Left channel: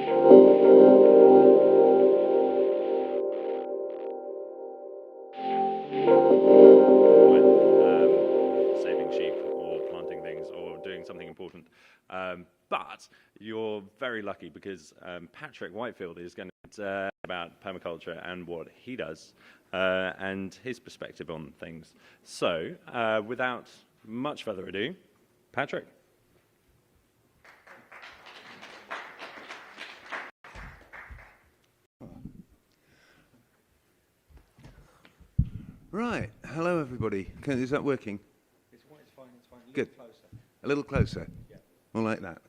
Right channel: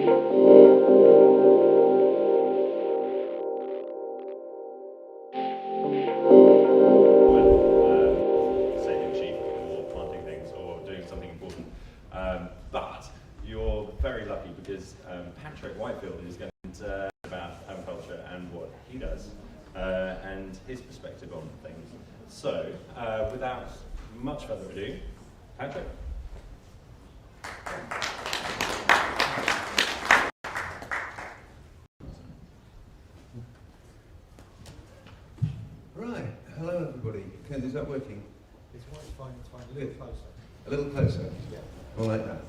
saving sheep or planting things or doing something important. But you're very lucky because Patrick Whitefield is going to about permaculture and what he does and his perspective on things. So, without much further ado, Patrick. Right, hello everybody. Is that working? It's fine, it's fine. Good. Closer. A little closer? Yeah. All like that.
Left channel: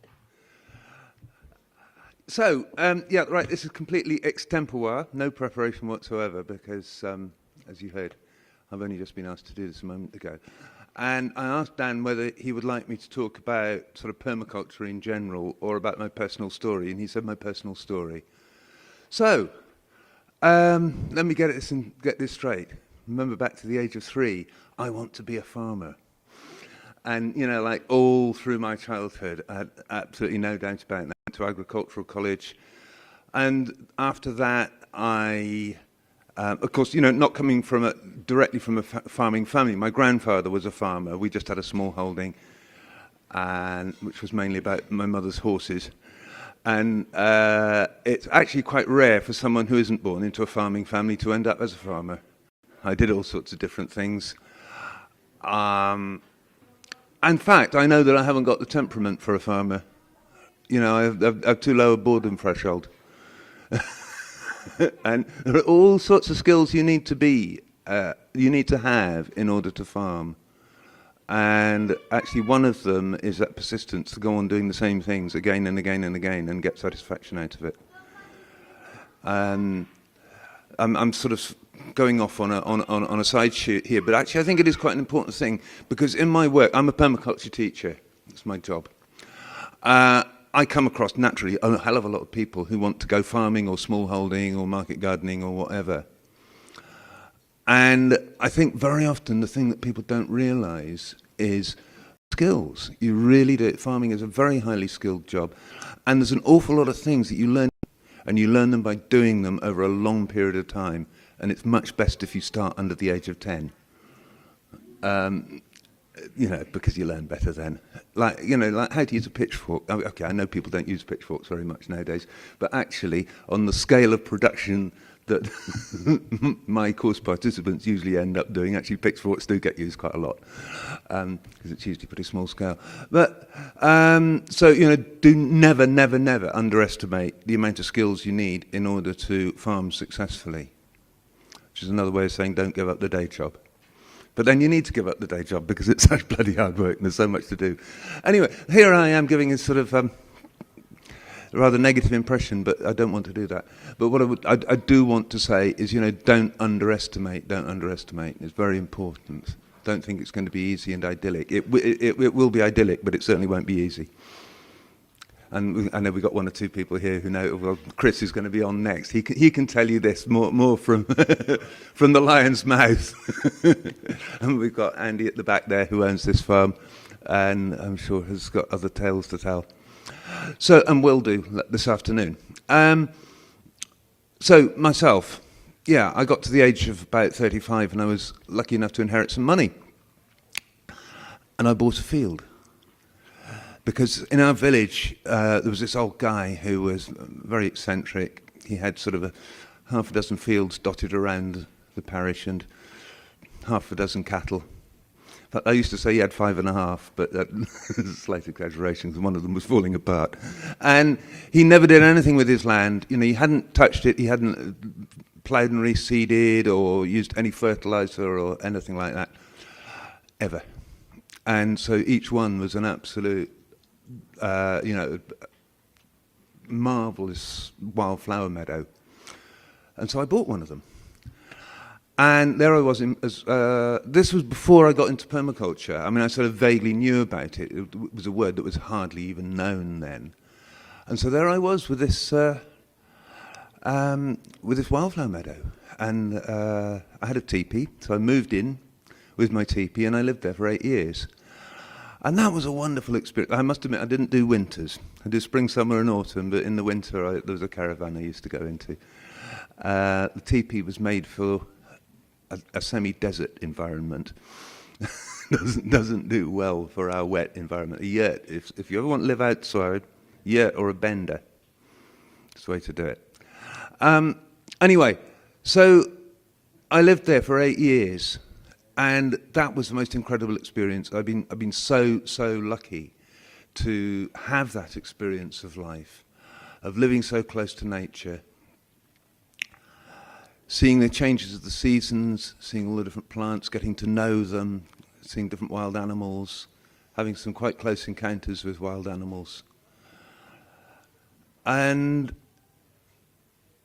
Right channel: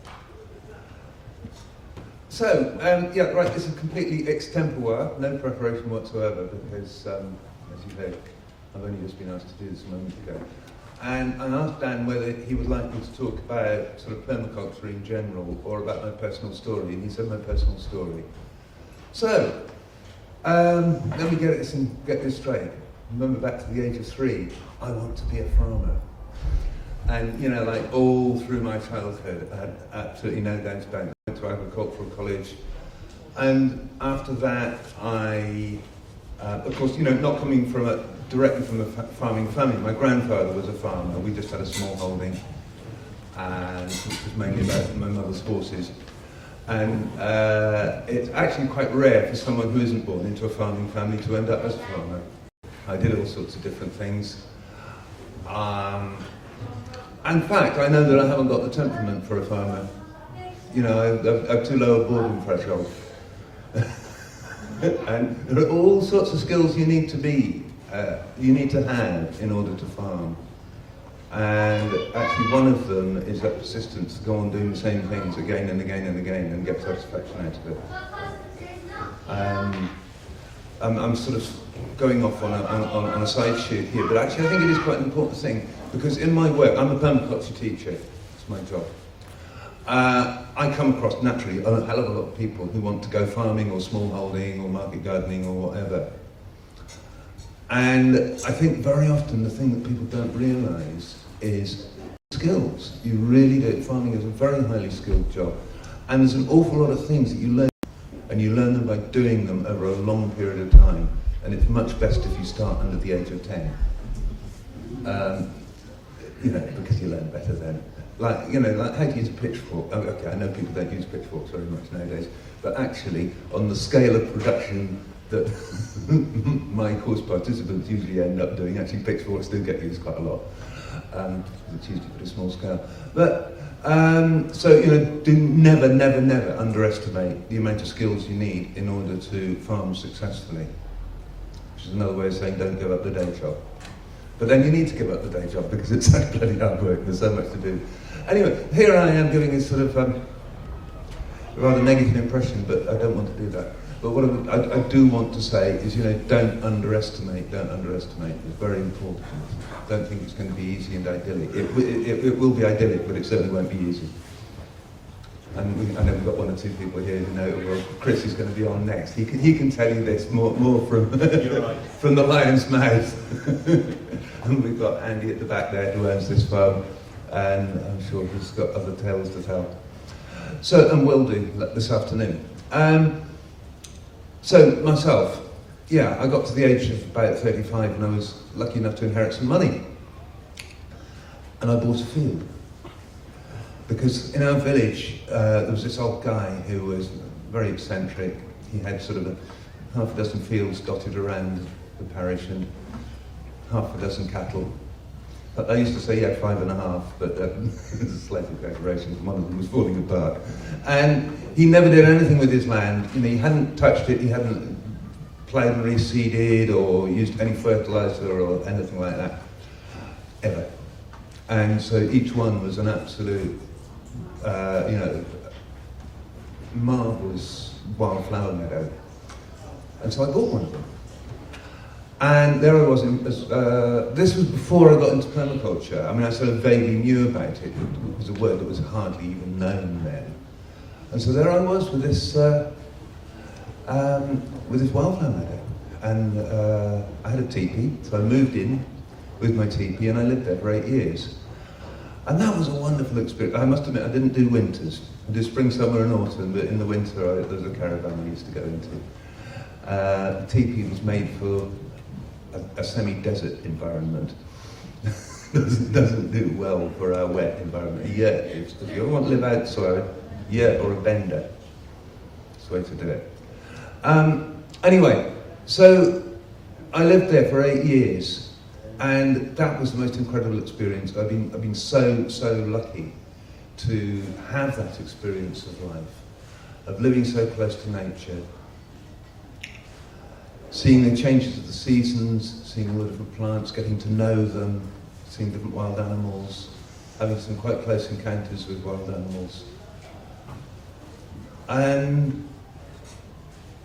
So, yeah, right, this is completely extempore, no preparation whatsoever, because, as you've heard, I've only just been asked to do this a moment ago. And I asked Dan whether he would like me to talk about sort of permaculture in general, or about my personal story, and he said my personal story. So, let me get this straight. Remember back to the age of 3, I want to be a farmer. And, you know, like all through my childhood, I had absolutely no doubt about that. I went to agricultural college. And after that, I, of course, you know, not coming from directly from a farming family. My grandfather was a farmer. We just had a small holding, and which was mainly about my mother's horses. And it's actually quite rare for someone who isn't born into a farming family to end up as a farmer. I did all sorts of different things. In fact, I know that I haven't got the temperament for a farmer. You know, I have too low a boredom threshold. And there are all sorts of skills you need to have in order to farm. And actually one of them is that persistence to go on doing the same things again and again and again and get satisfaction out of it. I'm sort of going off on a side shoot here, but actually I think it is quite an important thing, because in my work, I'm a permaculture teacher, it's my job. I come across naturally a hell of a lot of people who want to go farming or smallholding or market gardening or whatever. And I think very often the thing that people don't realise is skills. You really do it. Farming is a very highly skilled job. And there's an awful lot of things that you learn, and you learn them by doing them over a long period of time. And it's much best if you start under the age of 10. You know, because you learn better then. Like, you know, like how to use a pitchfork. Okay, I know people don't use pitchforks very much nowadays, but actually, on the scale of production that my course participants usually end up doing, actually pitchforks do get used quite a lot, because it's usually pretty small scale. But, so, you know, do never, never, never underestimate the amount of skills you need in order to farm successfully. Which is another way of saying don't give up the day job. But then you need to give up the day job because it's such bloody hard work and there's so much to do. Anyway, here I am giving a sort of rather negative impression, but I don't want to do that. But what I do want to say is, you know, don't underestimate. It's very important. Don't think it's going to be easy and idyllic. It will be idyllic, but it certainly won't be easy. And I know we've got one or two people here who know, well, Chris is going to be on next. He can tell you this more from from the lion's mouth. And we've got Andy at the back there who owns this farm, and I'm sure he's got other tales to tell. So, and will do this afternoon. So myself, yeah, I got to the age of about 35 and I was lucky enough to inherit some money. And I bought a field. Because in our village, there was this old guy who was very eccentric. He had sort of half a dozen fields dotted around the parish and half a dozen cattle. But I used to say he had 5.5, but there's slight exaggerations, and one of them was falling apart. And he never did anything with his land. You know, he hadn't touched it, he hadn't ploughed and reseeded or used any fertilizer or anything like that, ever. And so each one was an absolute, you know, marvellous wildflower meadow. And so I bought one of them. And there I was, this was before I got into permaculture. I mean, I sort of vaguely knew about it. It was a word that was hardly even known then. And so there I was with this wildflower meadow. And I had a teepee, so I moved in with my teepee and I lived there for 8 years. And that was a wonderful experience. I must admit, I didn't do winters. I did spring, summer and autumn, but in the winter there was a caravan I used to go into. The teepee was made for a semi-desert environment. doesn't do well for our wet environment. Yeah, if you ever want to live outside, yeah, or a bender. That's the way to do it. Anyway, so I lived there for 8 years, and that was the most incredible experience. I've been so lucky to have that experience of life, of living so close to nature, seeing the changes of the seasons, seeing all the different plants, getting to know them, seeing different wild animals, having some quite close encounters with wild animals. And,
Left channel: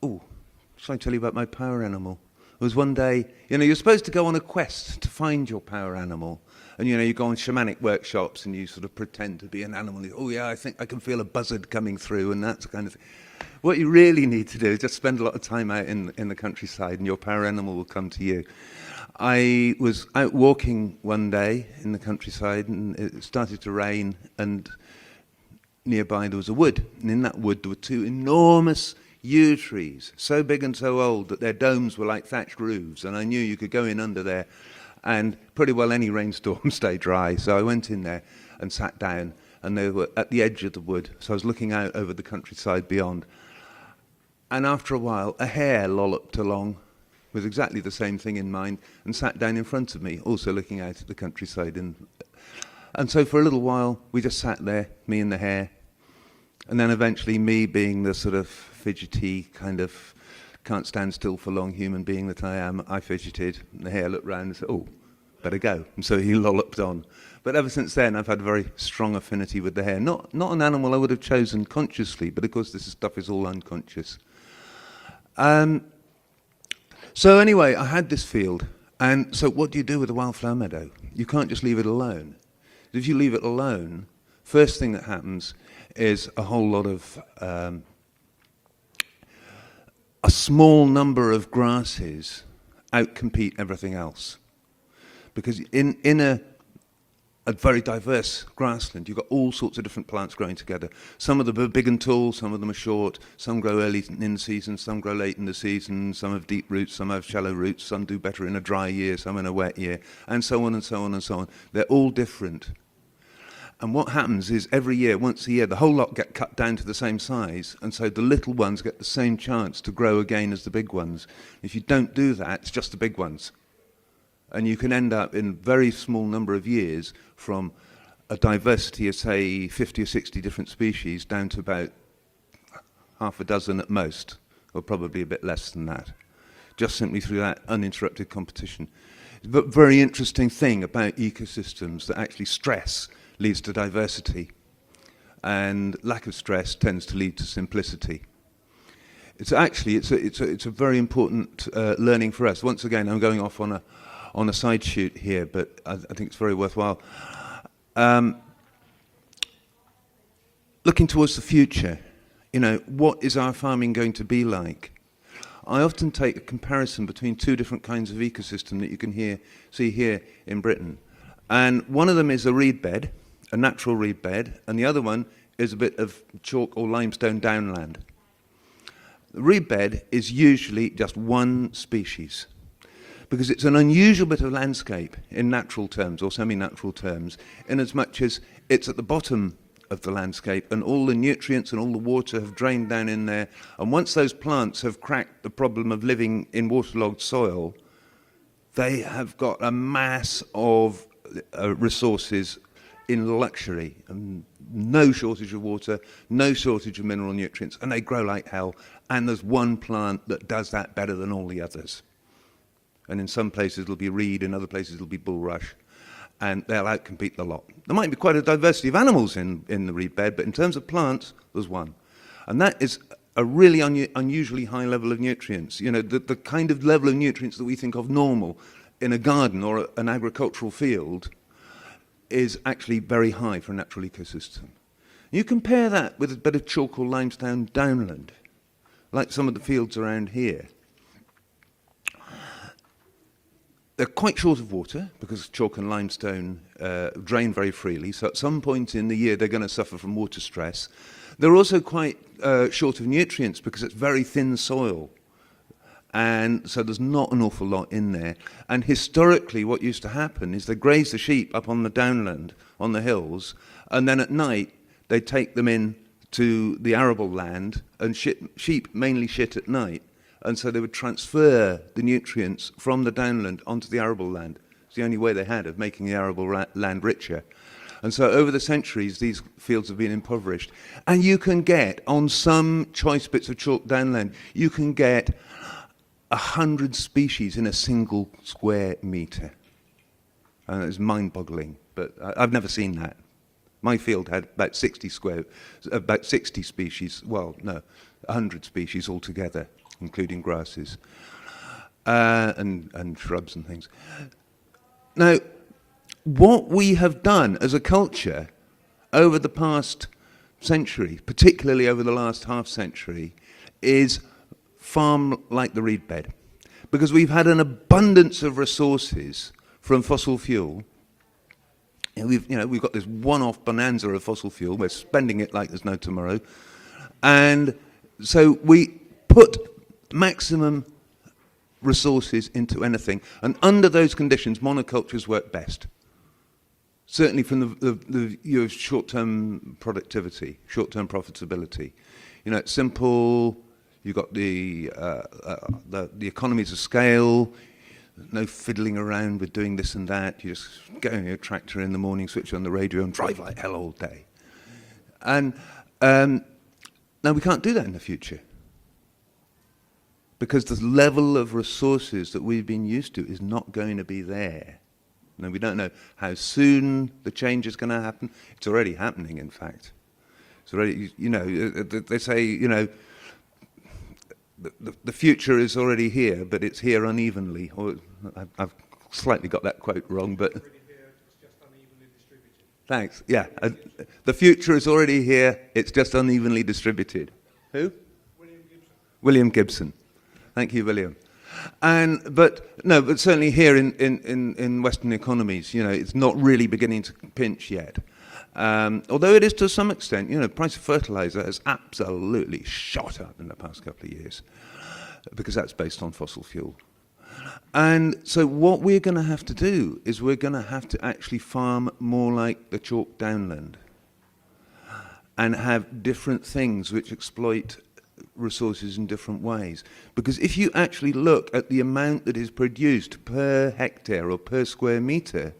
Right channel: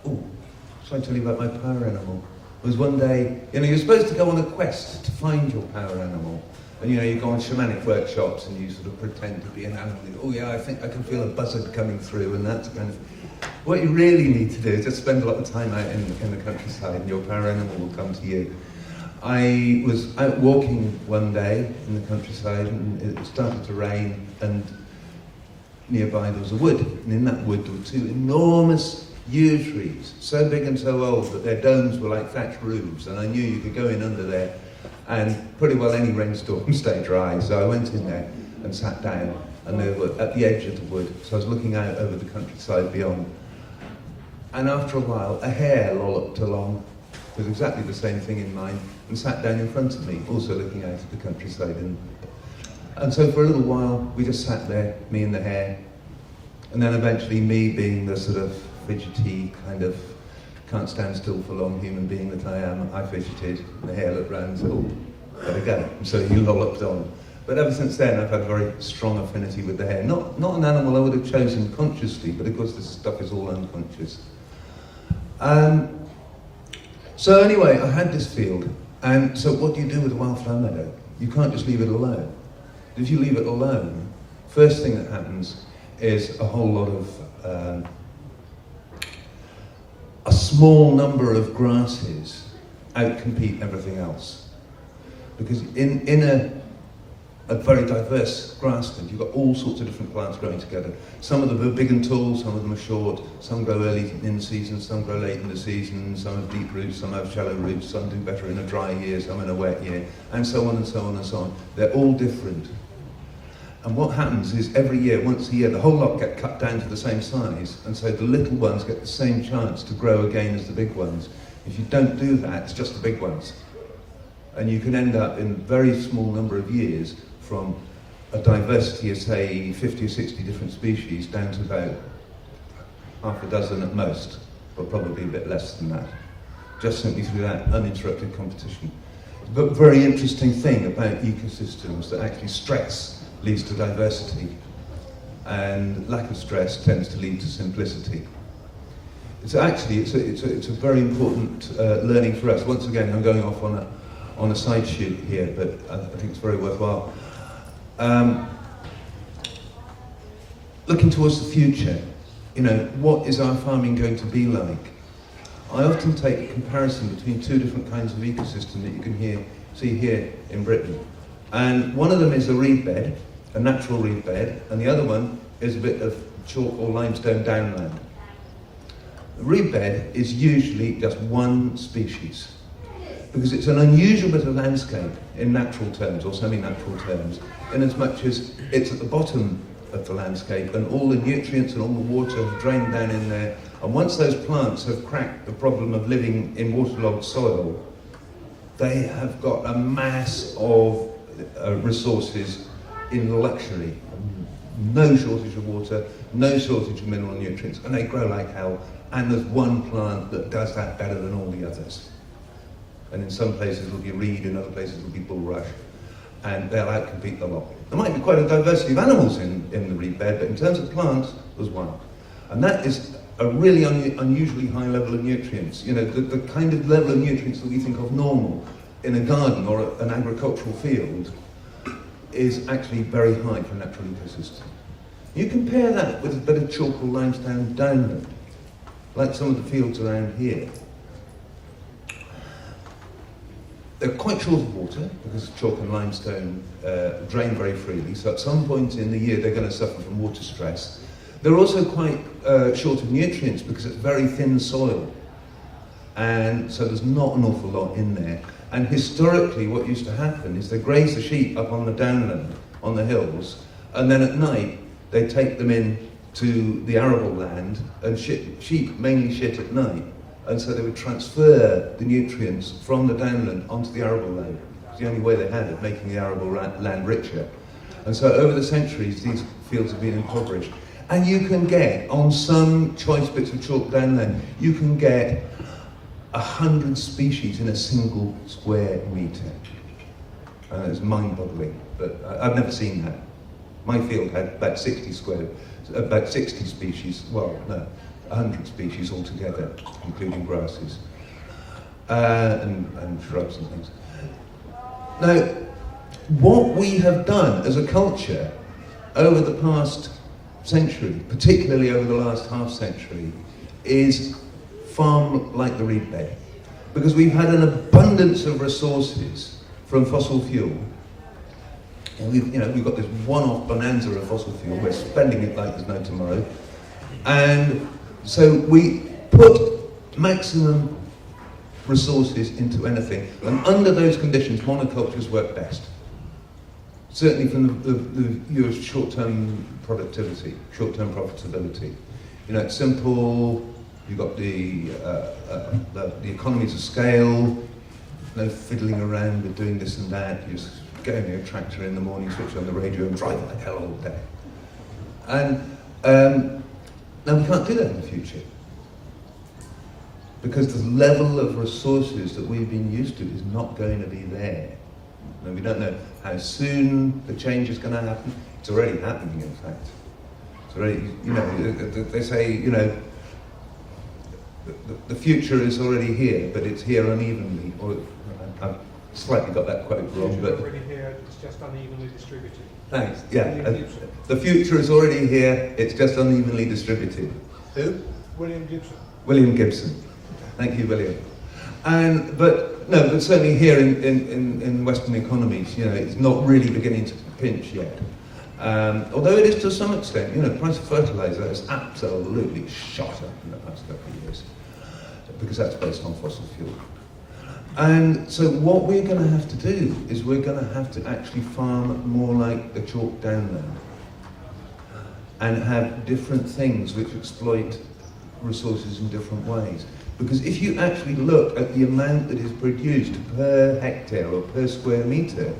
shall I tell you about my power animal? It was one day, you're supposed to go on a quest to find your power animal. And you go on shamanic workshops and you sort of pretend to be an animal. Oh yeah, I think I can feel a buzzard coming through, and that's kind of... What you really need to do is just spend a lot of time out in the countryside, and your power animal will come to you. I was out walking one day in the countryside, and it started to rain, and nearby there was a wood, and in that wood there were 2 enormous yew trees, so big and so old that their domes were like thatched roofs, and I knew you could go in under there and pretty well any rainstorm stay dry. So I went in there and sat down, and they were at the edge of the wood, so I was looking out over the countryside beyond. And after a while, a hare lolloped along with exactly the same thing in mind and sat down in front of me, also looking out at the countryside. And so for a little while, we just sat there, me and the hare, and then eventually me, being the sort of fidgety kind of can't stand still for long human being that I am, I fidgeted. The hare looked round and said, "Oh, better go." And so he lolloped on. But ever since then, I've had a very strong affinity with the hare. Not an animal I would have chosen consciously, but of course this stuff is all unconscious. So anyway, I had this field, and so what do you do with a wildflower meadow? You can't just leave it alone. If you leave it alone, first thing that happens is a whole lot of a small number of grasses outcompete everything else. Because in a very diverse grassland, you've got all sorts of different plants growing together. Some of them are big and tall, some of them are short, some grow early in the season, some grow late in the season, some have deep roots, some have shallow roots, some do better in a dry year, some in a wet year, and so on and so on and so on. They're all different. And what happens is every year, once a year, the whole lot get cut down to the same size, and so the little ones get the same chance to grow again as the big ones. If you don't do that, it's just the big ones. And you can end up in a very small number of years from a diversity of, say, 50 or 60 different species down to about half a dozen at most, or probably a bit less than that, just simply through that uninterrupted competition. But very interesting thing about ecosystems, that actually stress leads to diversity, and lack of stress tends to lead to simplicity. It's actually it's a very important learning for us. Once again, I'm going off on a side shoot here, but I think it's very worthwhile. Looking towards the future, what is our farming going to be like? I often take a comparison between 2 different kinds of ecosystem that you can see here in Britain. And one of them is a reed bed, a natural reed bed, and the other one is a bit of chalk or limestone downland. The reed bed is usually just one species, because it's an unusual bit of landscape in natural terms or semi-natural terms, in as much as it's at the bottom of the landscape and all the nutrients and all the water have drained down in there, and once those plants have cracked the problem of living in waterlogged soil, they have got a mass of resources in luxury. No shortage of water, no shortage of mineral nutrients, and they grow like hell, and there's one plant that does that better than all the others. And in some places it'll be reed, in other places it'll be bulrush, and they'll outcompete the lot. There might be quite a diversity of animals in the reed bed, but in terms of plants, there's one. And that is a really unusually high level of nutrients. The kind of level of nutrients that we think of normal in a garden or an agricultural field is actually very high for a natural ecosystem. You compare that with a bit of chalk or limestone downland, like some of the fields around here. they're quite short of water because chalk and limestone drain very freely, so at some point in the year they're going to suffer from water stress. They're also quite short of nutrients because it's very thin soil, and so there's not an awful lot in there. And historically what used to happen is they graze the sheep up on the downland, on the hills, and then at night they take them in to the arable land, and sheep mainly shit at night, and so they would transfer the nutrients from the downland onto the arable land. It's the only way they had of making the arable land richer. And so over the centuries these fields have been impoverished. And you can get, on some choice bits of chalk downland, you can get 100 species in a single square metre. And it's mind-boggling, but I've never seen that. My field had about 60 species, well, no, 100 species altogether, including grasses and shrubs and things. Now, what we have done as a culture over the past century, particularly over the last half century, is farm like the reed bed. Because we've had an abundance of resources from fossil fuel. And we've got this one-off bonanza of fossil fuel. We're spending it like there's no tomorrow. And so we put maximum resources into anything. And under those conditions, monocultures work best. Certainly from the view of short-term productivity, short-term profitability. You know, it's simple. You've got the economies of scale. No fiddling around with doing this and that. You just go in your tractor in the morning, switch on the radio, and drive like hell all day. And now we can't do that in the future, because the level of resources that we've been used to is not going to be there. Now, we don't know how soon the change is going to happen. It's already happening, in fact. It's already, they say, the future is already here, but it's here unevenly. Or I've slightly got that quote wrong, but it's already here, it's just unevenly distributed. Thanks. Yeah, the future is already here. It's just unevenly distributed. Who? William Gibson. William Gibson. Thank you, William. But certainly here in Western economies, it's not really beginning to pinch yet. Although it is to some extent, price of fertilizer has absolutely shot up in the past couple of years, because that's based on fossil fuel. And so what we're going to have to do is we're going to have to actually farm more like the chalk downland, and have different things which exploit resources in different ways. Because if you actually look at the amount that is produced per hectare or per square metre,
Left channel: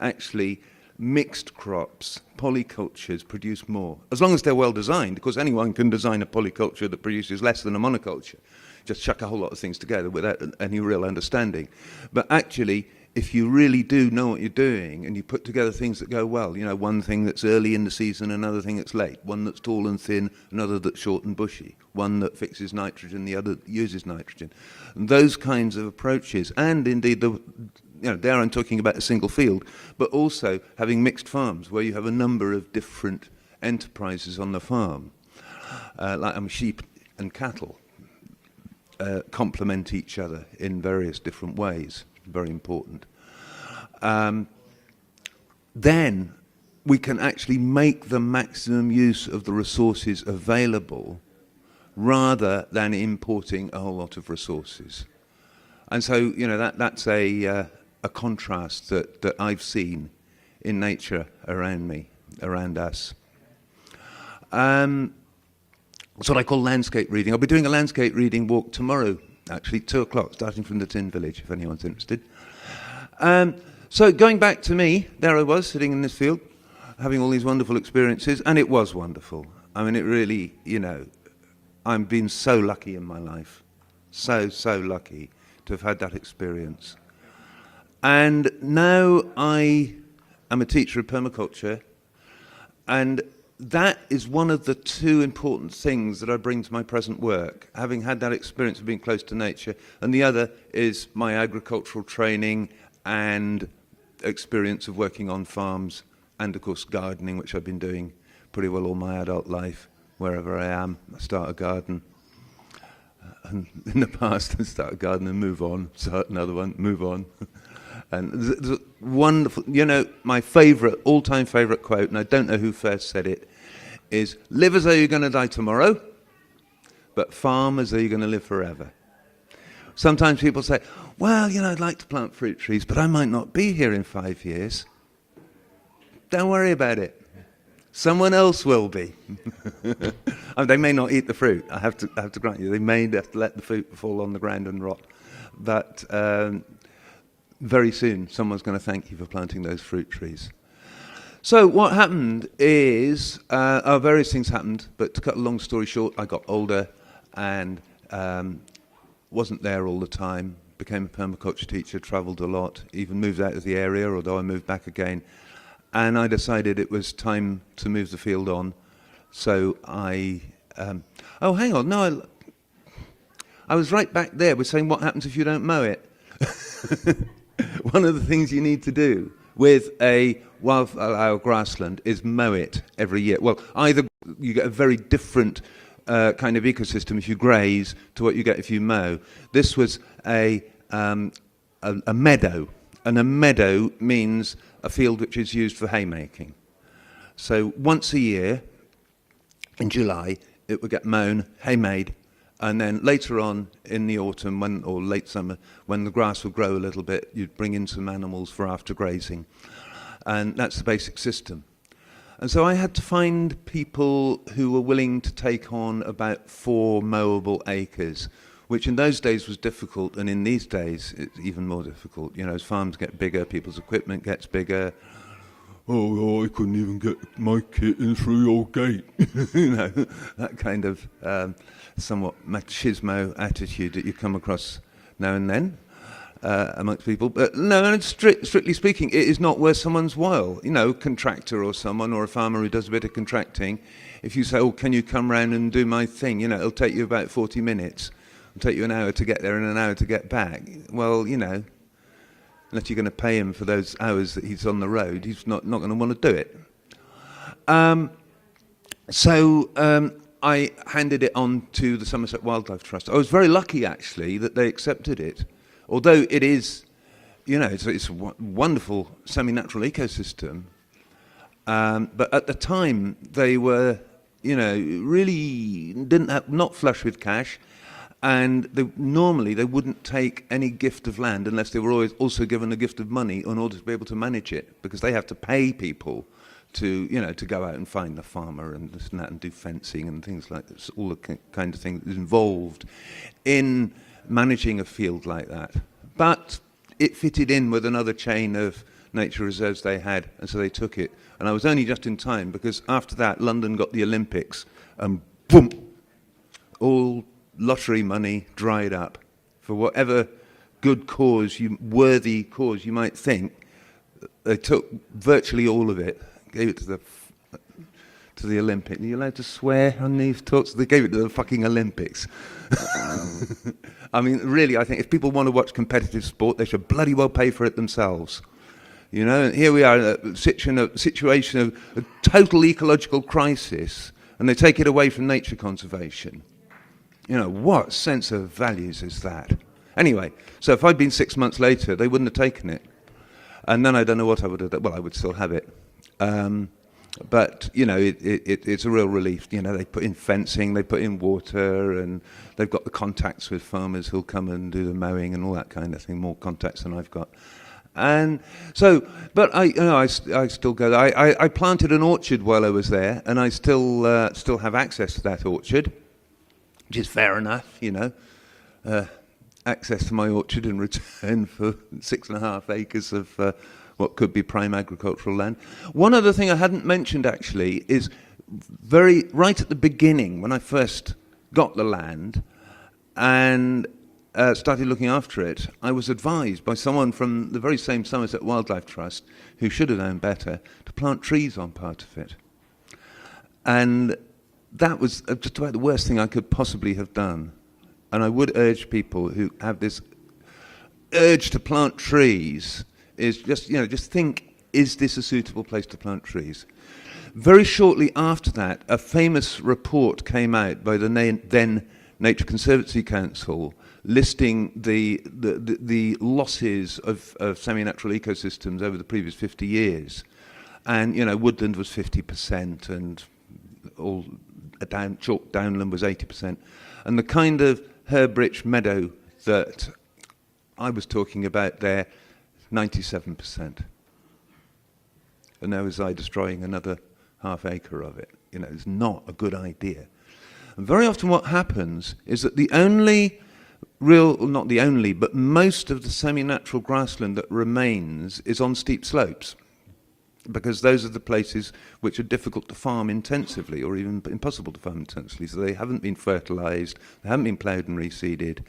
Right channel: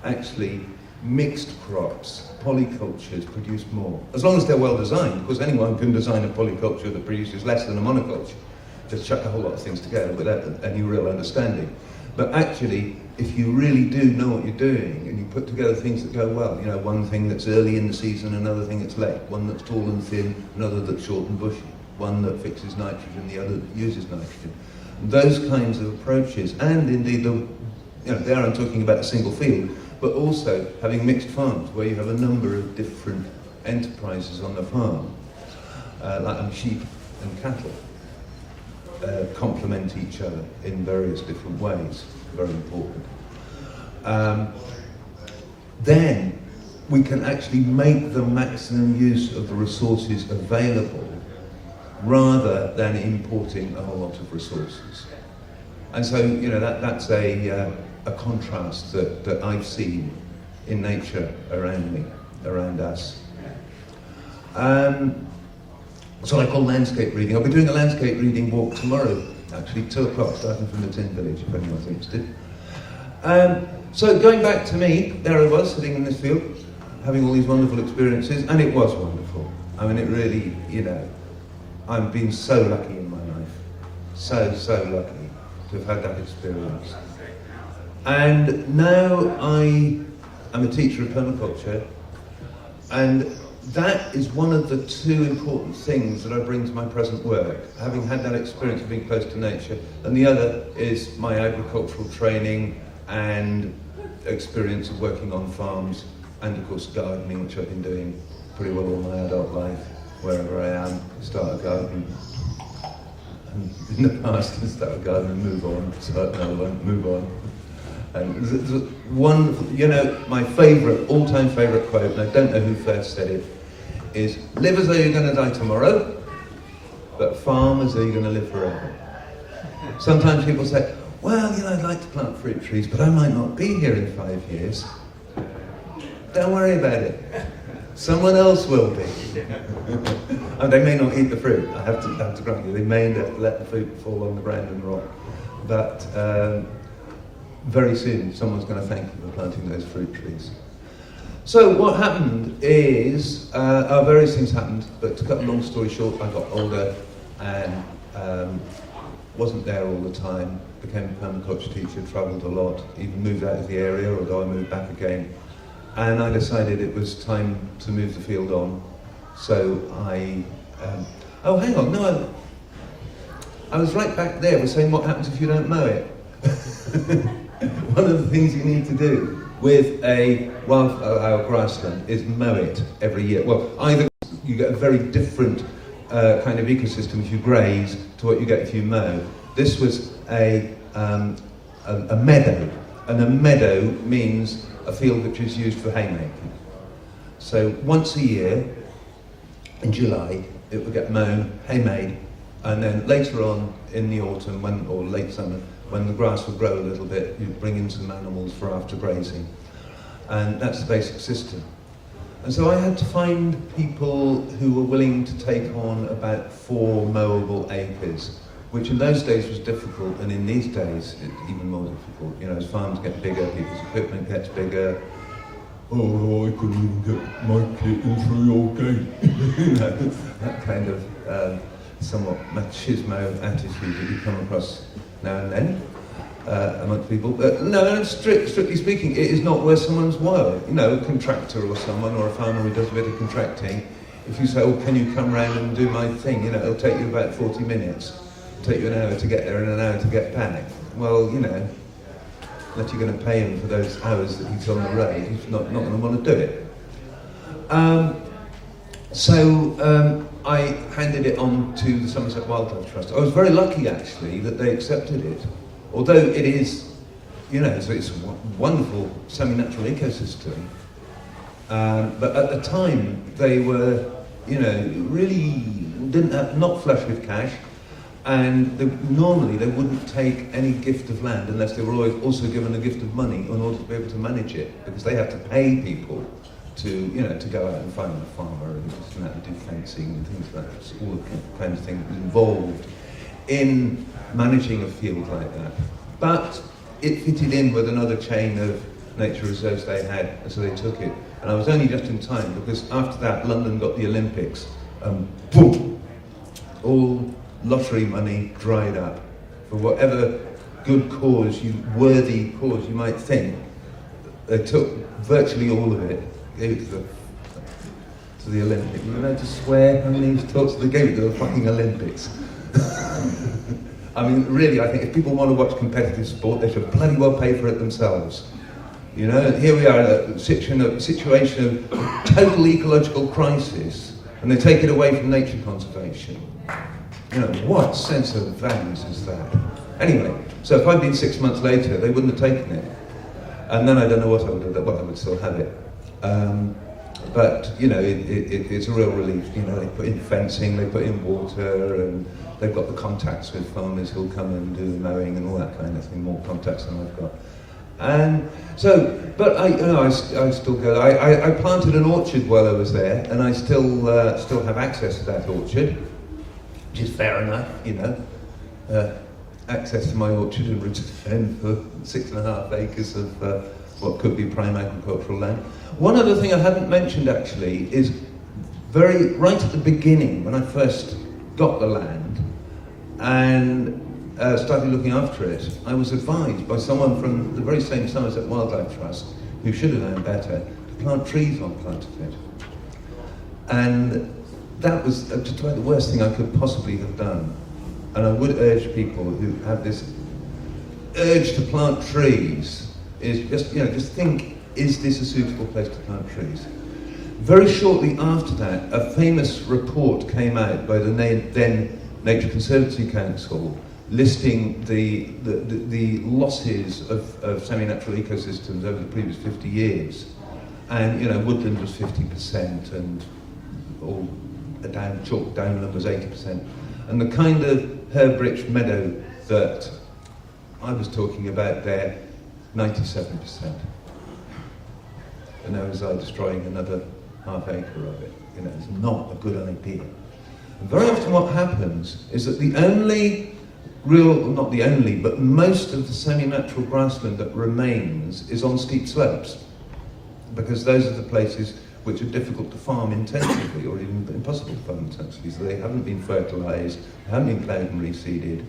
actually mixed crops, polycultures produce more. As long as they're well designed, because anyone can design a polyculture that produces less than a monoculture. Just chuck a whole lot of things together without any real understanding. But actually, if you really do know what you're doing, and you put together things that go well, one thing that's early in the season, another thing that's late, one that's tall and thin, another that's short and bushy, one that fixes nitrogen, the other that uses nitrogen. And those kinds of approaches, and indeed, there I'm talking about a single field, but also having mixed farms where you have a number of different enterprises on the farm, like sheep and cattle, complement each other in various different ways. Very important. Then we can actually make the maximum use of the resources available, rather than importing a whole lot of resources. And so, that's a contrast that I've seen in nature around me, around us. It's what I call landscape reading. I'll be doing a landscape reading walk tomorrow, actually 2 o'clock, starting from the Tin Village, if anyone's interested. So going back to me, there I was, sitting in this field, having all these wonderful experiences, and it was wonderful. I mean, it really, I've been so lucky in my life. So lucky to have had that experience. And now I am a teacher of permaculture, and that is one of the 2 important things that I bring to my present work, having had that experience of being close to nature, and the other is my agricultural training and experience of working on farms, and of course gardening, which I've been doing pretty well all my adult life. Wherever I am, I start a garden, and in the past I start a garden and move on, start another one, move on. And there's a wonderful, you know, my favourite, all-time favourite quote, and I don't know who first said it, is, live as though you're going to die tomorrow, but farm as though you're going to live forever. Sometimes people say, well, you know, I'd like to plant fruit trees, but I might not be here in 5 years. Don't worry about it. Someone else will be. And they may not eat the fruit, I have to grant you. They may let the fruit fall on the ground and rot. But very soon, someone's going to thank you for planting those fruit trees. So what happened is, various things happened, but to cut a long story short, I got older and wasn't there all the time, became a permaculture teacher, travelled a lot, even moved out of the area, although I moved back again. And I decided it was time to move the field on. So I, oh hang on, no, I was right back there. We're saying what happens if you don't mow it. One of the things you need to do with a wildflower grassland is mow it every year. Well, either you get a very different kind of ecosystem if you graze to what you get if you mow. This was a meadow, and a meadow means a field which is used for haymaking. So once a year, in July, it would get mown, hay-made, and then later on in the autumn or late summer, when the grass would grow a little bit, you'd bring in some animals for after grazing. And that's the basic system. And so I had to find people who were willing to take on about 4 mowable acres, which in those days was difficult, and in these days it's even more difficult. You know, as farms get bigger, people's equipment gets bigger. Oh, I couldn't even get my kit in through your gate. You know, that kind of somewhat machismo attitude that you come across now and then amongst people. But no, strictly speaking, it is not worth someone's while. You know, a contractor or someone, or a farmer who does a bit of contracting, if you say, oh, can you come round and do my thing? You know, it'll take you about 40 minutes. It'll take you an hour to get there and an hour to get back. Well, you know, unless you're going to pay him for those hours that he's on the road, he's not going to want to do it. So I handed it on to the Somerset Wildlife Trust. I was very lucky, actually, that they accepted it. Although it is, you know, it's a wonderful semi-natural ecosystem. But at the time, they were, you know, really not flush with cash. And normally they wouldn't take any gift of land unless they were always also given a gift of money in order to be able to manage it, because they had to pay people to, you know, to go out and find a farmer and do fencing and things like that. It's all the kind of thing involved in managing a field like that. But it fitted in with another chain of nature reserves they had, and so they took it. And I was only just in time, because after that London got the Olympics, and boom, all lottery money dried up for whatever good cause, worthy cause you might think. They took virtually all of it, gave it to the Olympics. Are you allowed to swear on these talks? They gave it to the fucking Olympics. I mean, really, I think if people want to watch competitive sport, they should bloody well pay for it themselves. You know, and here we are in a situation of total ecological crisis, and they take it away from nature conservation. You know, what sense of values is that? Anyway, so if I'd been 6 months later, they wouldn't have taken it. And then I don't know what I would have done. Well, I would still have it. But, you know, it's a real relief. You know, they put in fencing, they put in water, and they've got the contacts with farmers who'll come and do the mowing and all that kind of thing, more contacts than I've got. And so, but I still go there. I planted an orchard while I was there, and I still have access to that orchard, which is fair enough, you know. Access to my orchard in return for 6.5 acres of what could be prime agricultural land. One other thing I hadn't mentioned actually is right at the beginning, when I first got the land and started looking after it, I was advised by someone from the very same Somerset Wildlife Trust, who should have known better, to plant trees on part of it. And that was just about the worst thing I could possibly have done. And I would urge people who have this urge to plant trees, is just think, is this a suitable place to plant trees? Very shortly after that, a famous report came out by the then Nature Conservancy Council, listing the losses of semi-natural ecosystems over the previous 50 years. And, you know, woodland was 50% and all chalk downland was 80%. And the kind of herb-rich meadow that I was talking about there, 97%. And now is I destroying another half acre of it. You know, it's not a good idea. And very often what happens is that the only not the only, but most of the semi-natural grassland that remains is on steep slopes, because those are the places which are difficult to farm intensively, or even impossible to farm intensively, so they haven't been fertilised, they haven't been ploughed and reseeded.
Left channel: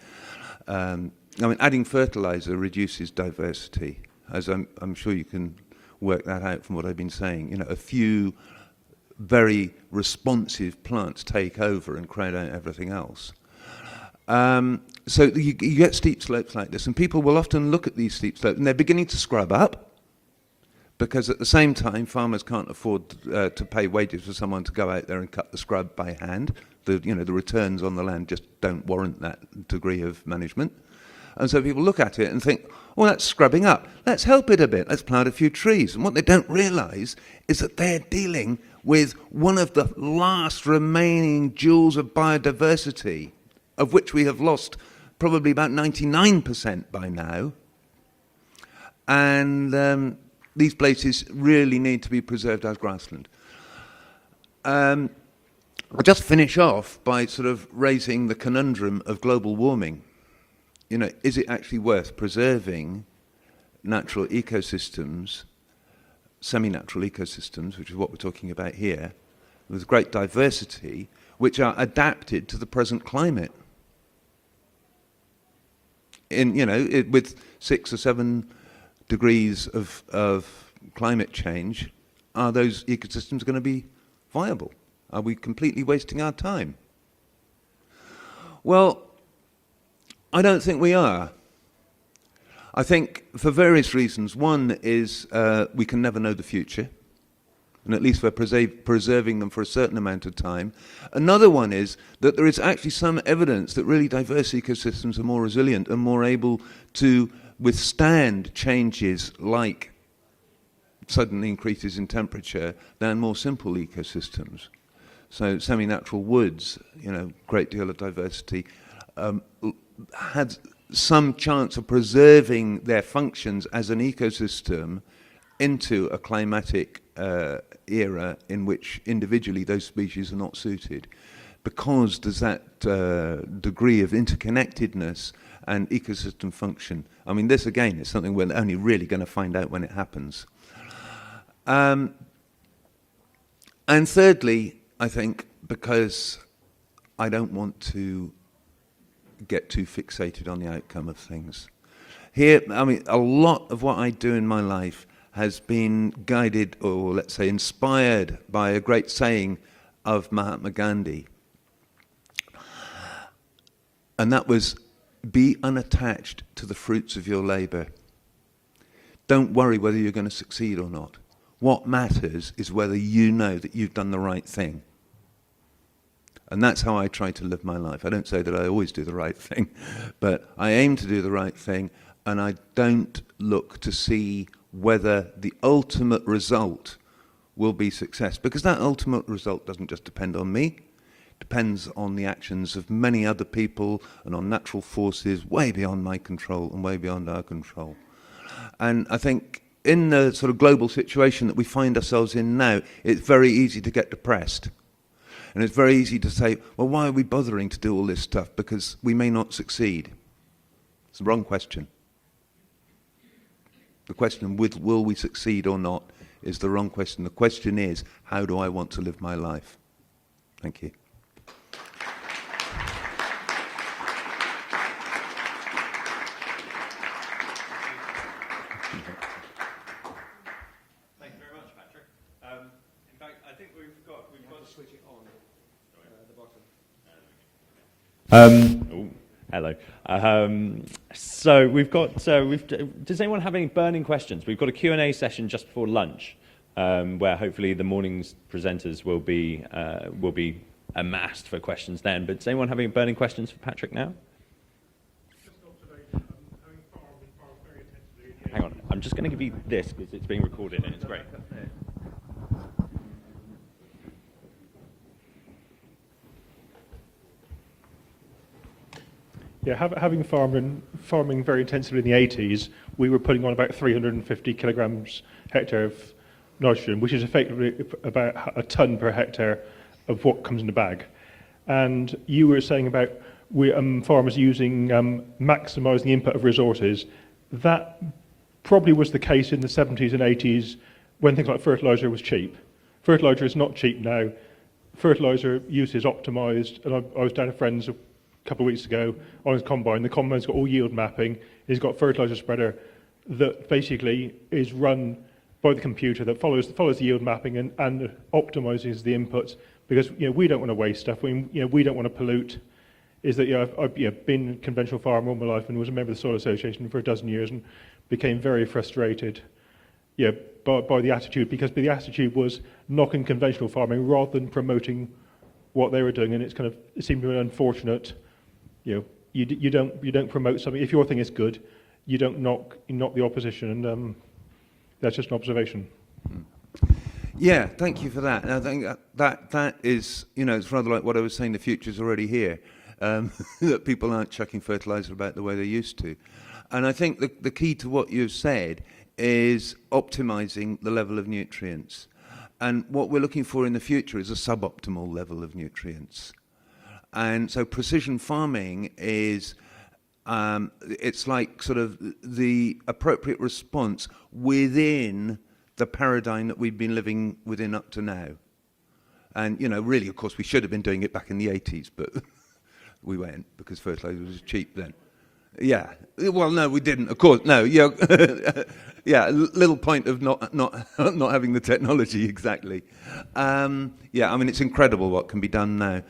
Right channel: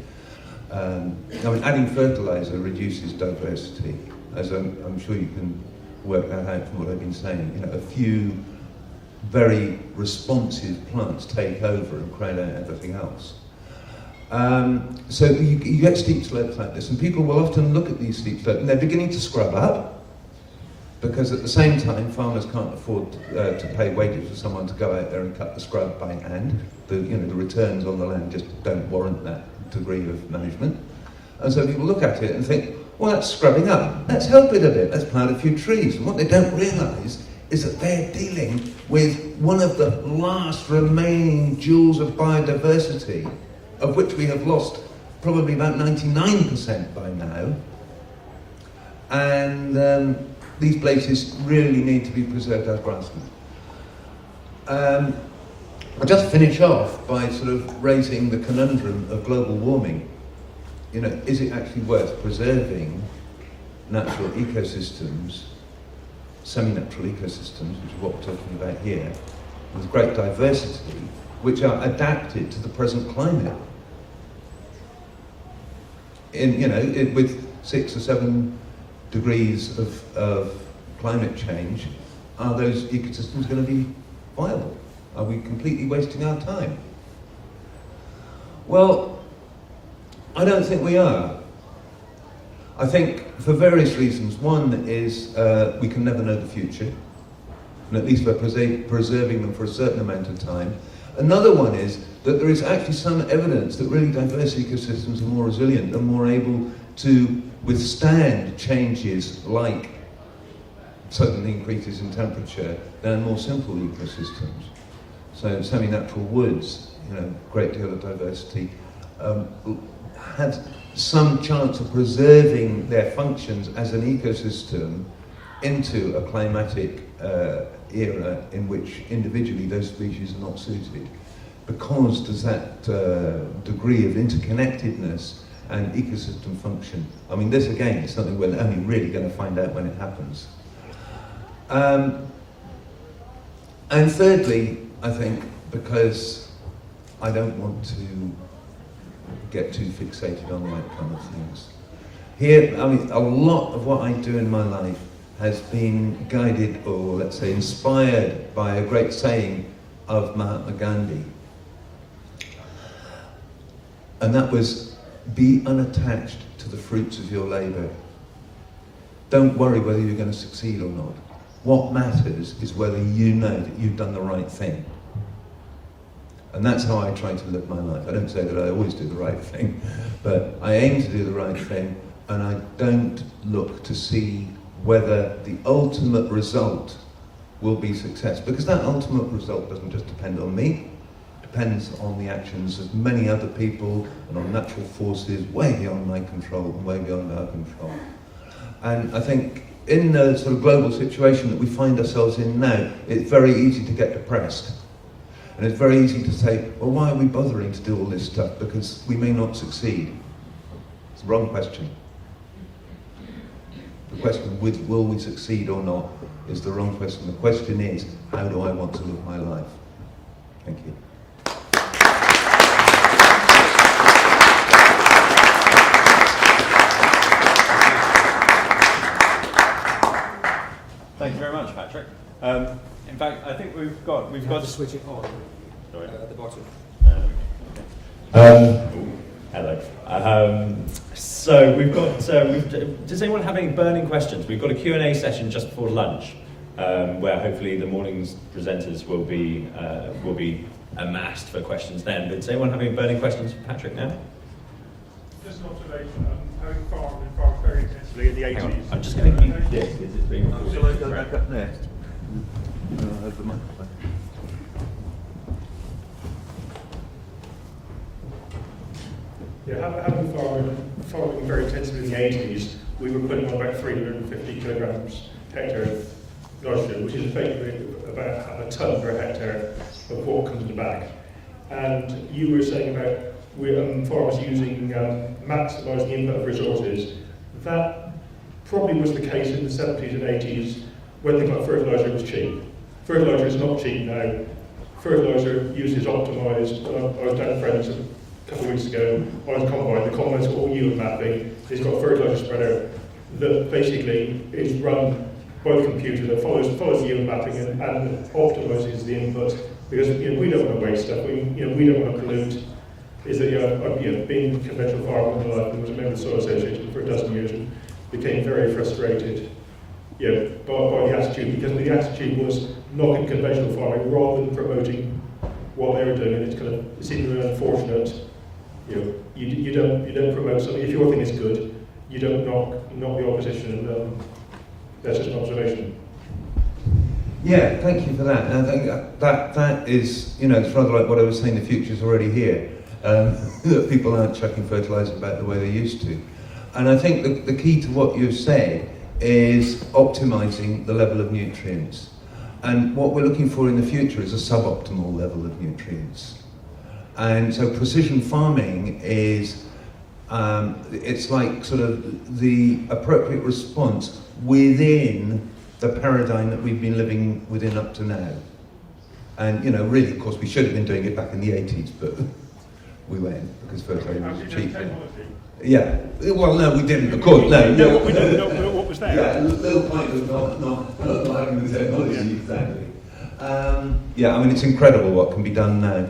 Adding fertiliser reduces diversity, as I'm sure you can work that out from what I've been saying. You know, a few very responsive plants take over and crowd out everything else. So you get steep slopes like this, and people will often look at these steep slopes and they're beginning to scrub up, because at the same time farmers can't afford to pay wages for someone to go out there and cut the scrub by hand. The returns on the land just don't warrant that degree of management. And so people look at it and think, well, that's scrubbing up, let's help it a bit, let's plant a few trees. And what they don't realise is that they're dealing with one of the last remaining jewels of biodiversity, of which we have lost probably about 99% by now. And these places really need to be preserved as grassland. I'll just finish off by sort of raising the conundrum of global warming. You know, is it actually worth preserving natural ecosystems, semi-natural ecosystems, which is what we're talking about here, with great diversity, which are adapted to the present climate? With 6 or 7 degrees of climate change, are those ecosystems going to be viable? Are we completely wasting our time? Well, I don't think we are. I think for various reasons. One is we can never know the future, and at least we're preserving them for a certain amount of time. Another one is that there is actually some evidence that really diverse ecosystems are more resilient and more able to withstand changes like sudden increases in temperature than more simple ecosystems. So semi-natural woods, great deal of diversity, had some chance of preserving their functions as an ecosystem into a climatic era in which individually those species are not suited, because there's that degree of interconnectedness and ecosystem function. I mean, this again is something we're only really going to find out when it happens. And thirdly, I think, because I don't want to get too fixated on the outcome of things. Here, I mean, a lot of what I do in my life has been guided, or let's say inspired, by a great saying of Mahatma Gandhi. And that was, be unattached to the fruits of your labour. Don't worry whether you're going to succeed or not. What matters is whether you know that you've done the right thing. And that's how I try to live my life. I don't say that I always do the right thing, but I aim to do the right thing, and I don't look to see whether the ultimate result will be success, because that ultimate result doesn't just depend on me. It depends on the actions of many other people and on natural forces way beyond my control and way beyond our control. And I think in the sort of global situation that we find ourselves in now, it's very easy to get depressed. And it's very easy to say, well, why are we bothering to do all this stuff? Because we may not succeed. It's the wrong question. The question, will we succeed or not, is the wrong question. The question is, how do I want to live my life? Thank you. Thank you very much, Patrick. In fact, I think we've got to switch it on. Sorry. At the bottom. Hello. So we've got. Does anyone have any burning questions? We've got a Q&A session just before lunch, where hopefully the morning's presenters will be amassed for questions then. But does anyone have any burning questions for Patrick now? just an observation. Having farmed very intensively in the 80s. I'm just going to keep this because it's being recorded. Shall I go back up there? Over the microphone. Yeah, having farming very intensively in the 80s, we were putting on about 350 kilograms hectare of nitrogen, which is effectively about a tonne per hectare of what comes in the bag. And you were saying about farmers using maximising the input of resources. That probably was the case in the 70s and 80s when things like fertiliser was cheap. Fertiliser is not cheap now. Fertiliser use is optimised. I was down at Friends a couple of weeks ago on his combine. The combine's got all yield mapping. He's got a fertiliser spreader that basically is run by the computer that follows the yield mapping and optimises the inputs, because we don't want to waste stuff. We don't want to pollute. Is that I've been in conventional farming all my life and was a member of the Soil Association for a dozen years and became very frustrated by the attitude, because the attitude was knocking conventional farming rather than promoting what they were doing, and it seemed really unfortunate. You don't promote something. If your thing is good, you don't knock the opposition, and that's just an observation. Yeah, thank you for that. And I think that is, it's rather like what I was saying, the future's already here. That people aren't chucking fertiliser back the way they used to. And I think the key to what you've said is optimising the level of nutrients. And what we're looking for in the future is a suboptimal level of nutrients. And so precision farming is, it's like sort of the appropriate response within the paradigm that we've been living within up to now. And, really, of course, we should have been doing it back in the 80s, but we went because fertiliser was cheap. Yeah. Well, no, we didn't. Of course, no. Yeah. What was that? Yeah. Little point of not having the technology exactly. Yeah. I mean, it's incredible what can be done now,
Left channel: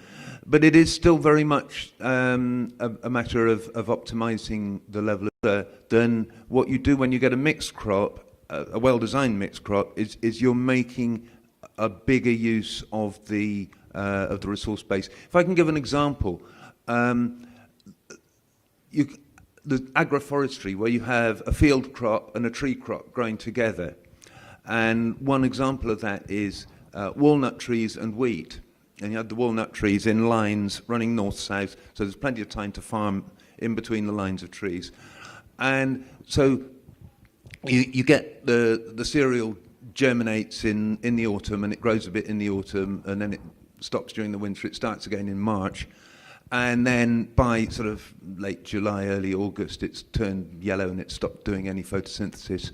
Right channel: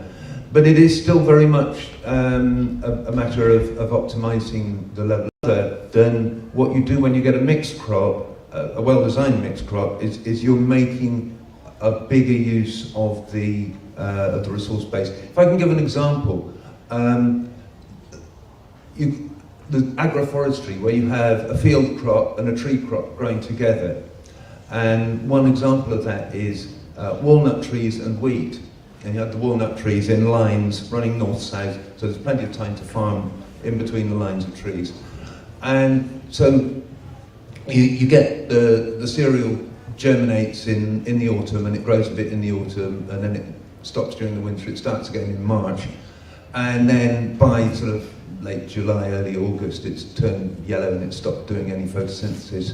but it is still very much a matter of optimising the level of dirt. Then what you do when you get a mixed crop, a well-designed mixed crop, is you're making a bigger use of the resource base. If I can give an example. The agroforestry, where you have a field crop and a tree crop growing together, and one example of that is walnut trees and wheat. And you have the walnut trees in lines running north-south, so there's plenty of time to farm in between the lines of trees. And so you get the cereal germinates in the autumn, and it grows a bit in the autumn, and then it stops during the winter. It starts again in March. And then by sort of late July, early August, it's turned yellow and it's stopped doing any photosynthesis.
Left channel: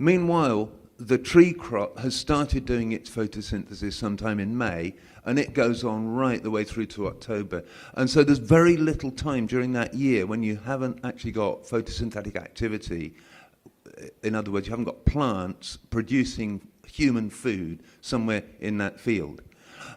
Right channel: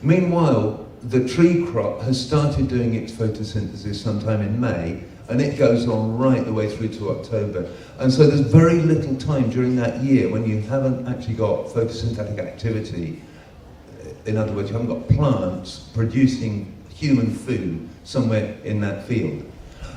Meanwhile, the tree crop has started doing its photosynthesis sometime in May, and it goes on right the way through to October. And so there's very little time during that year when you haven't actually got photosynthetic activity. In other words, you haven't got plants producing human food somewhere in that field.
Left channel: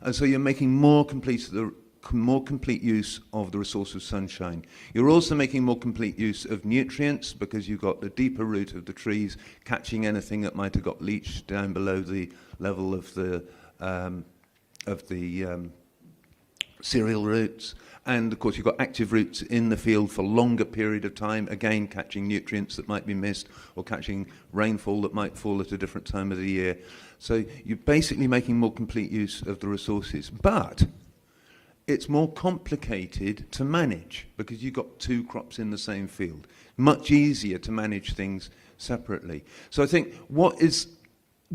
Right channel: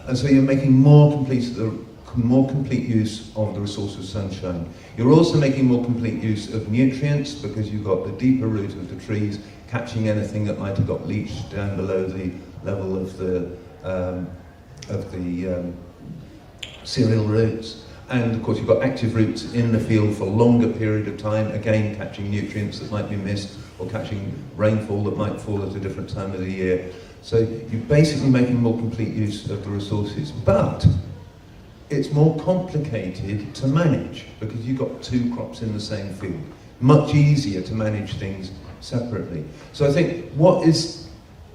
And so you're making more complete use of the resource of sunshine. You're also making more complete use of nutrients, because you've got the deeper root of the trees catching anything that might have got leached down below the level of the cereal roots. And of course you've got active roots in the field for a longer period of time, again catching nutrients that might be missed, or catching rainfall that might fall at a different time of the year. So you're basically making more complete use of the resources. But it's more complicated to manage, because you've got two crops in the same field. Much easier to manage things separately. So I think what is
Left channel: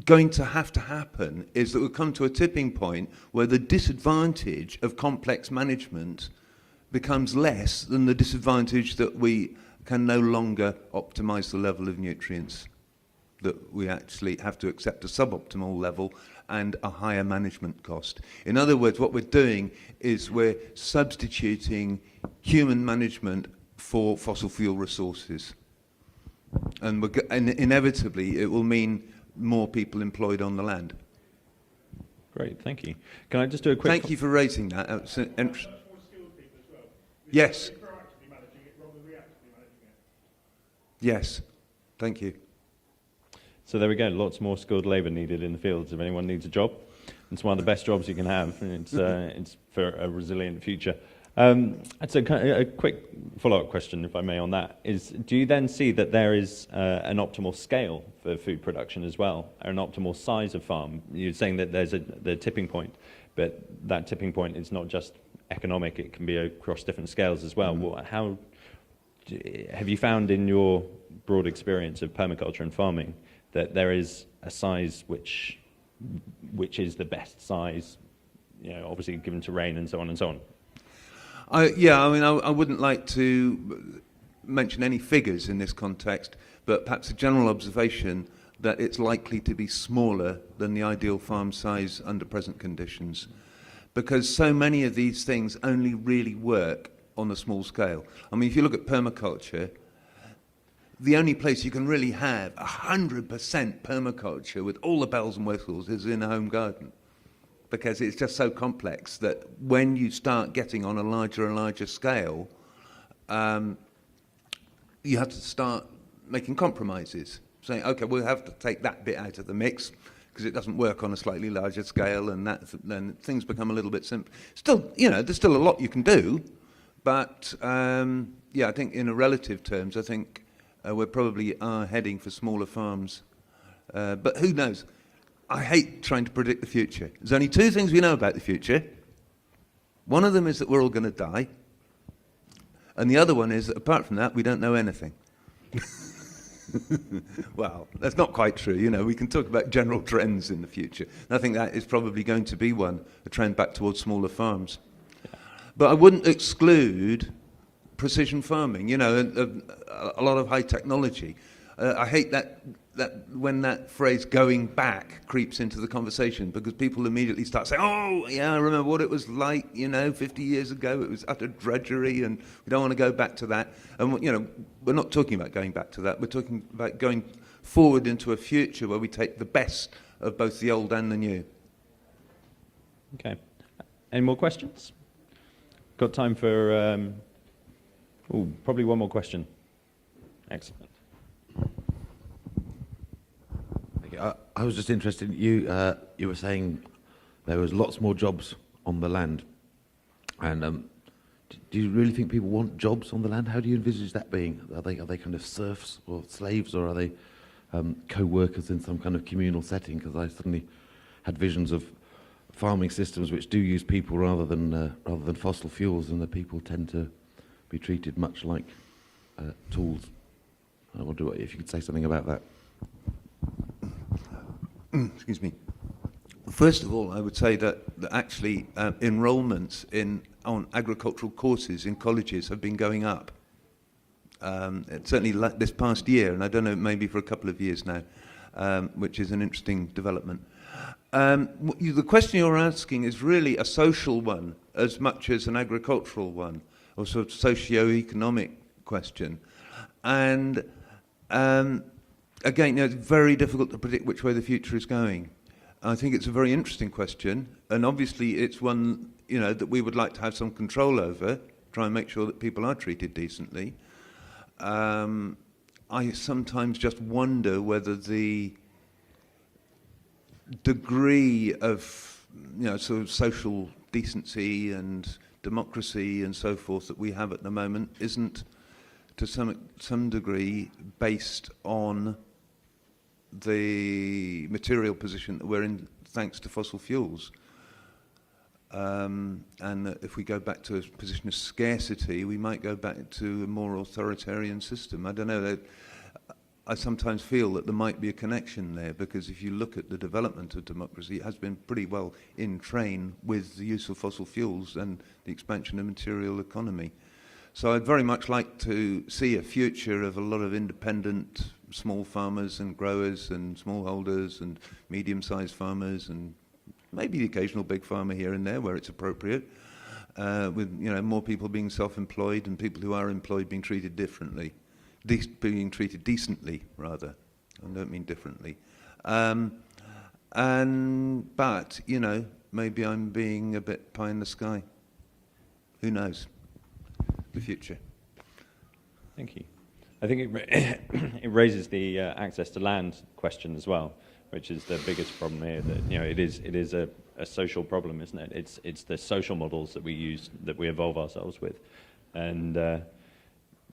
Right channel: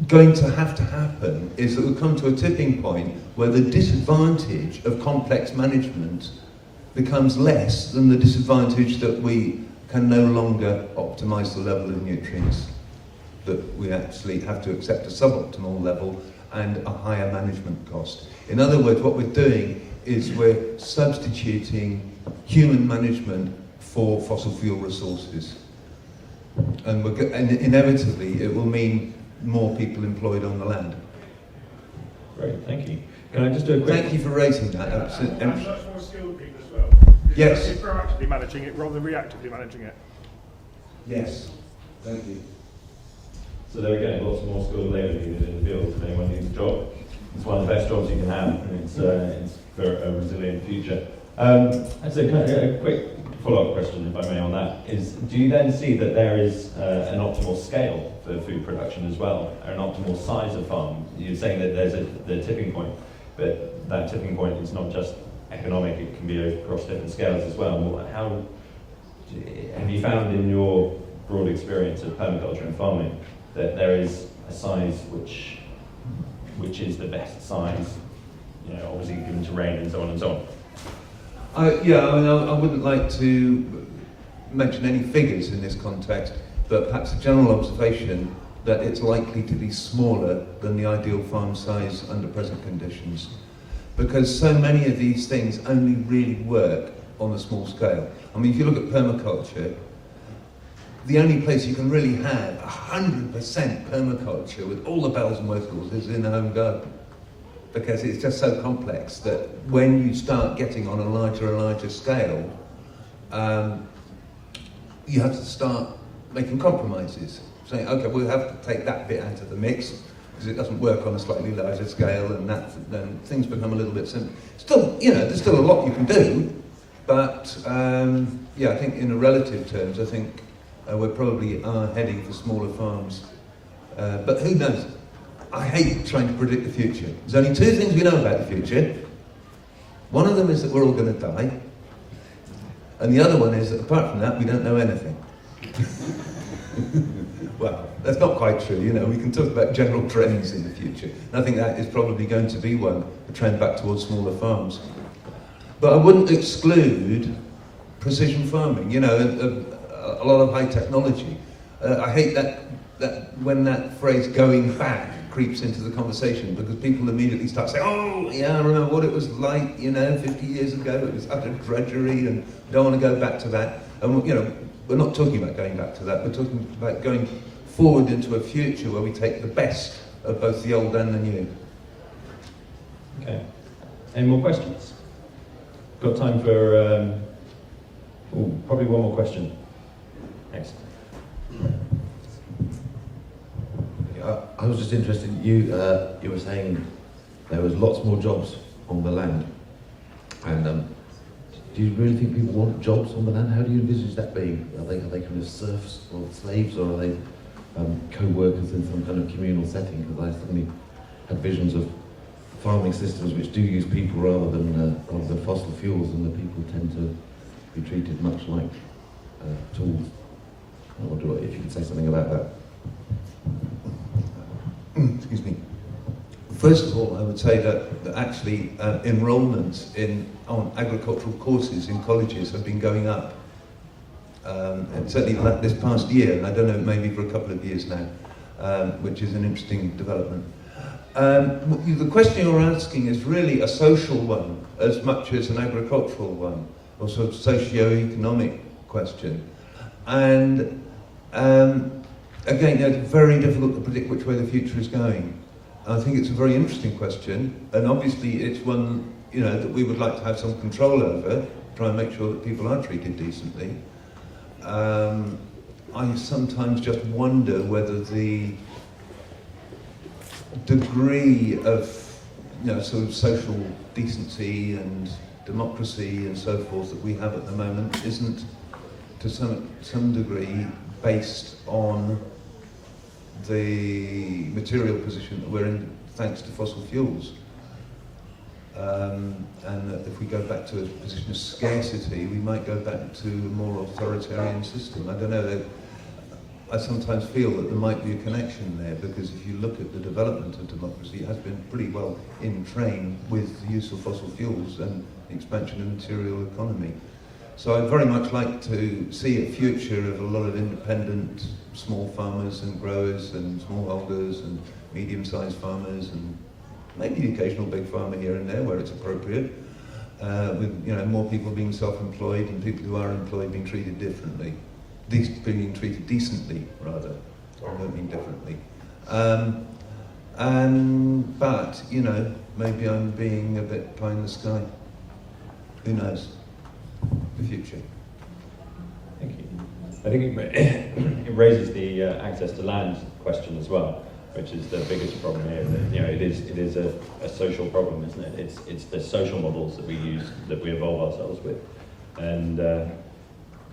going to happen is that we'll come to a tipping point where the disadvantage of complex management becomes less than the disadvantage that we can no longer optimise the level of nutrients, that we actually have to accept a suboptimal level and a higher management cost. In other words, what we're doing is we're substituting human management for fossil fuel resources. And inevitably it will mean more people employed on the land. Great, thank you. Can I just do a quick... Thank you for raising that. And much more skilled people as well. Yes. You're proactively managing it rather than reactively managing it. Yes, thank you. So there we go, lots more skilled labour needed in the fields if anyone needs a job. It's one of the best jobs you can have, and it's for a resilient future. So kind of a quick follow-up question, if I may, on that is: do you then see that there is an optimal scale for food production as well, or an optimal size of farm? You're saying that there's the tipping point, but that tipping point is not just economic; it can be across different scales as well. How have you found in your broad experience of permaculture and farming that there is a size which is the best size? You know, obviously given terrain and so on and so on. I wouldn't like to mention any figures in this context, but perhaps a general observation that it's likely to be smaller than the ideal farm size under present conditions, because so many of these things only really work on a small scale. I mean, if you look at permaculture, the only place you can really have 100% permaculture with all the bells and whistles is in a home garden, because it's just so complex that when you start getting on a larger and larger scale, you have to start making compromises, saying, okay, we'll have to take that bit out of the mix because it doesn't work on a slightly larger scale, and then things become a little bit simple. Still, there's still a lot you can do, but I think in relative terms, I think we probably are heading for smaller farms. But who knows? I hate trying to predict the future. There's only two things we know about the future. One of them is that we're all going to die. And the other one is that apart from that, we don't know anything. Well, that's not quite true. We can talk about general trends in the future. And I think that is probably going to be one, a trend back towards smaller farms. But I wouldn't exclude precision farming, a lot of high technology. I hate that when that phrase "going back" creeps into the conversation, because people immediately start saying, "Oh, yeah, I remember what it was like, 50 years ago. It was utter drudgery, and we don't want to go back to that." And we're not talking about going back to that. We're talking about going forward into a future where we take the best of both the old and the new. Okay. Any more questions? Got time for probably one more question. Thanks. I was just interested, you were saying there was lots more jobs on the land, and do you really think people want jobs on the land? How do you envisage that being? Are they kind of serfs or slaves, or are they co-workers in some kind of communal setting? Because I suddenly had visions of farming systems which do use people rather than fossil fuels, and the people tend to be treated much like tools. I wonder if you could say something about that. Excuse me. First of all, I would say that actually enrolments on agricultural courses in colleges have been going up. And certainly this past year, and I don't know, maybe for a couple of years now, which is an interesting development. The question you're asking is really a social one as much as an agricultural one, or sort of socio-economic question. And again, it's very difficult to predict which way the future is going. I think it's a very interesting question, and obviously it's one that we would like to have some control over, try and make sure that people are treated decently. I sometimes just wonder whether the degree of sort of social decency and democracy and so forth that we have at the moment isn't to some degree based on the material position that we're in thanks to fossil fuels. And that if we go back to a position of scarcity, we might go back to a more authoritarian system. I don't know. I sometimes feel that there might be a connection there, because if you look at the development of democracy, it has been pretty well in train with the use of fossil fuels and the expansion of material economy. So I'd very much like to see a future of a lot of independent small farmers and growers and smallholders and medium-sized farmers, and maybe the occasional big farmer here and there where it's appropriate, with more people being self-employed and people who are employed being treated differently. Being treated decently, rather. I don't mean differently. But, maybe I'm being a bit pie in the sky. Who knows? The future. Thank you. I think it raises the access to land question as well, which is the biggest problem here. That, it is a social problem, isn't it? It's the social models that we use, that we evolve ourselves with, and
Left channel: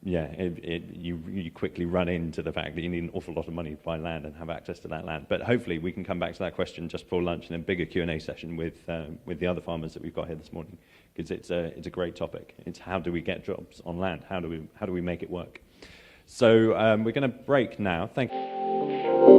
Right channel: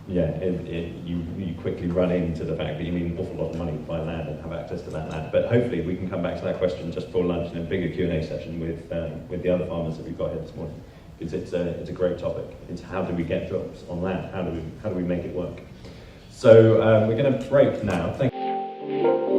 you quickly run into the fact that you need an awful lot of money to buy land and have access to that land. But hopefully we can come back to that question just before lunch in a bigger Q&A session with the other farmers that we've got here this morning. Because it's a great topic. It's how do we get jobs on land? How do we make it work? So we're going to break now. Thank you.